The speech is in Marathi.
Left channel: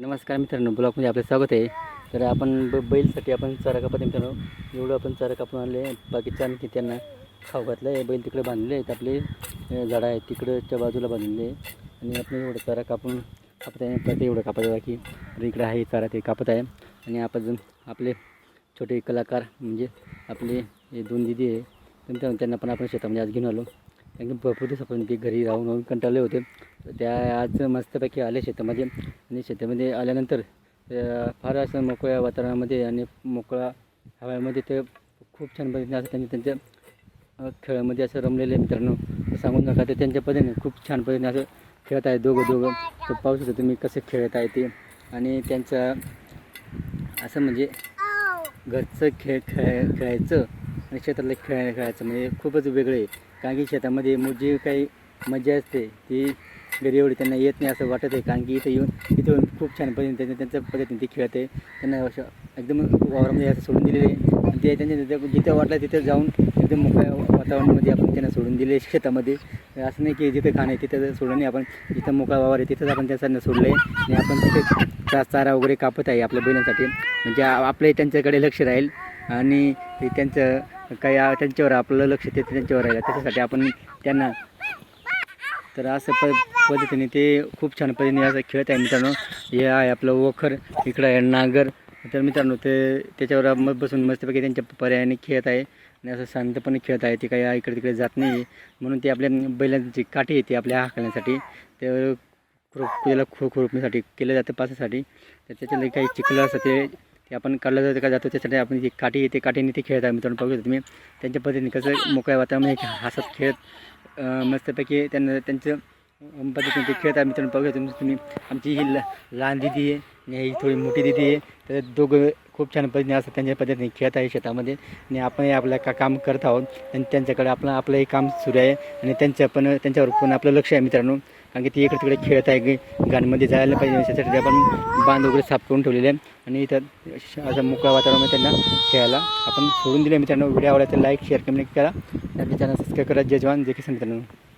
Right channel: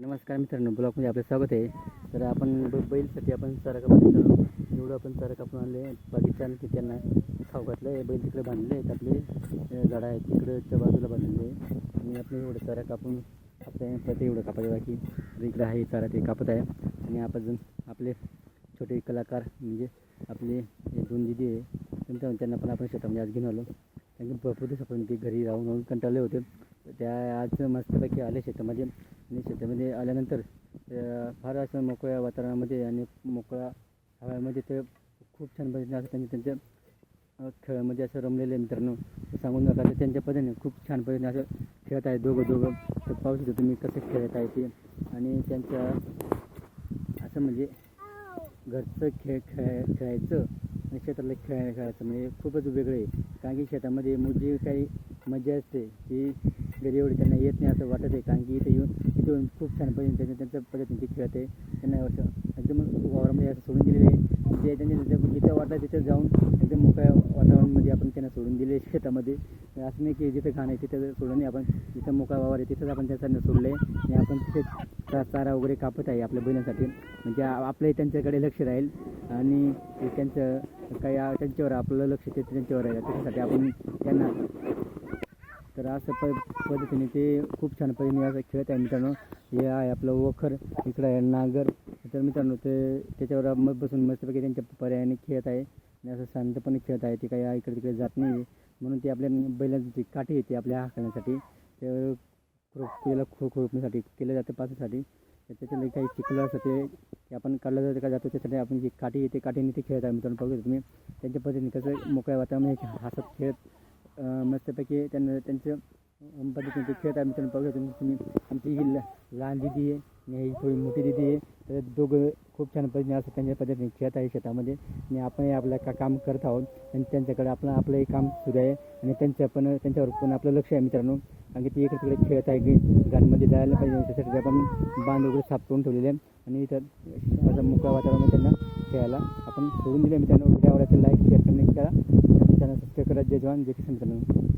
नमस्कार मित्रांनो ब्लॉगमध्ये आपलं स्वागत आहे. तर आपण ब बैलसाठी आपण चारा कापत मित्रांनो एवढं आपण चारा कापून आणले. बाकीच्या आणखी त्यांना खाऊ घातलं आहे बैल तिकडे बांधले आहेत आपले. झाडं आहेत तिकडच्या बाजूला बांधलेले आहे आणि आपण एवढं चारा कापून कापत आहे परत एवढं कापत आहे बाकी तर इकडे आहे चारा ते कापत आहे. आणि आपण आपले छोटे कलाकार म्हणजे आपले हे दोन दिदी आहे. त्यांना पण आपण शेतामध्ये आज घेऊन आलो. की भरपूर दिवस आपण ते घरी राहून राहून कंटाळले होते. त्या आज मस्तपैकी आले शेतामध्ये. आणि शेतामध्ये आल्यानंतर फार असं मोकळ्या वातावरणामध्ये आणि मोकळ्या हव्यामध्ये ते खूप छान पद्धतीने असं त्यांनी त्यांच्या खेळामध्ये असं रमलेले मित्रांनो. तर सांगून नका ते त्यांच्या पद्धतीने खूप छान पद्धतीने असं खेळत आहे दोघं दोघं. तर पाहू शकता तुम्ही कसं खेळत आहे ते. आणि त्यांचं असं म्हणजे घरचं खेळ खेळ खेळायचं. आणि शेतातलं खेळ खेळायचं म्हणजे खूपच वेगळं आहे. कारण की शेतामध्ये मग जी काही मजा असते ती घरी एवढी त्यांना येत नाही असं वाटत आहे. कारण की इथं येऊन इथं येऊन खूप छान पद्धतीने त्यांच्या त्यांच्या पद्धतीने ते खेळत. आहे त्यांना असं एकदम वावरामध्ये असं सोडून दिलेले आहे. ते त्यांच्या जिथं वाटलं तिथं जाऊन एकदम मोकळ्या वातावरणामध्ये आपण त्यांना सोडून दिले शेतामध्ये. असं नाही की जिथं खाणं आहे तिथं सोडून नाही. आपण जिथं मोकळा वावर आहे तिथंच आपण त्यांना सोडलं आहे आणि आपण तिथे चा चारा वगैरे कापत आहे आपल्या बैलांसाठी. म्हणजे आ- आपलंही त्यांच्याकडे लक्ष राहील. आणि त्यांचं काही त्यांच्यावर आपलं लक्ष ते त्यांच्यावर राहील त्याच्यासाठी आपण त्यांना तर असं प पद्धतीने ते खूप छान पद्धतीने असं खेळत आहे मित्रांनो. हे आहे आपलं वखर इकडं आहे नागर. तर मित्रांनो ते त्याच्यावर मग बसून मस्तपैकी त्यांच्या पर्यायाने खेळत आहे. आणि असं शांतपणे खेळत आहे. ते काही इकडे तिकडे जात नाही म्हणून ते आपल्या बैलांची काठी येते आपल्या हाकण्यासाठी ते खुरप त्याला खो खुरपण्यासाठी केलं जातं पासासाठी. तर त्याच्याला काही चिखलं असतं ते ते आपण काढलं जातं का जातो त्यासाठी आपण जी काठी येते काठीने ते खेळत आहे मित्रांनो. बघू तुम्ही त्यांच्या पद्धतीने कसं मोकळ्या वातावरणामध्ये हसत खेळत मस्तपैकी त्यांना त्यांचं पद्धतीने ते खेळत आहे मित्रांनो. बघू तुम्ही तुम्ही आमची ही ल लहान दिदी आहे आणि ही थोडी मोठी दिदी आहे. तर दोघं खूप छान पद्धतीने असं त्यांच्या पद्धतीने खेळत आहे शेतामध्ये. आणि आपणही आपलं का काम करत आहोत. आणि त्यांच्याकडे आपलं आपलंही काम सुरू आहे. आणि त्यांच्या पण त्यांच्यावर पण आपलं लक्ष आहे मित्रांनो. कारण की ती इकडे तिकडे खेळत आहे. ग- गाणमध्ये जायला पाहिजे. त्यासाठी आपण बांध वगैरे साफ करून ठेवलेले आहे. आणि इथं असं मोकळ्या वातावरणामध्ये त्यांना खेळायला. आपण सोडून दिले मित्रांनो. व्हिडिओ आवडला तर लाईक शेअर कमेंट करा. आणि चॅनल सबस्क्राईब करा. जय जवान. जय किसान मित्रांनो.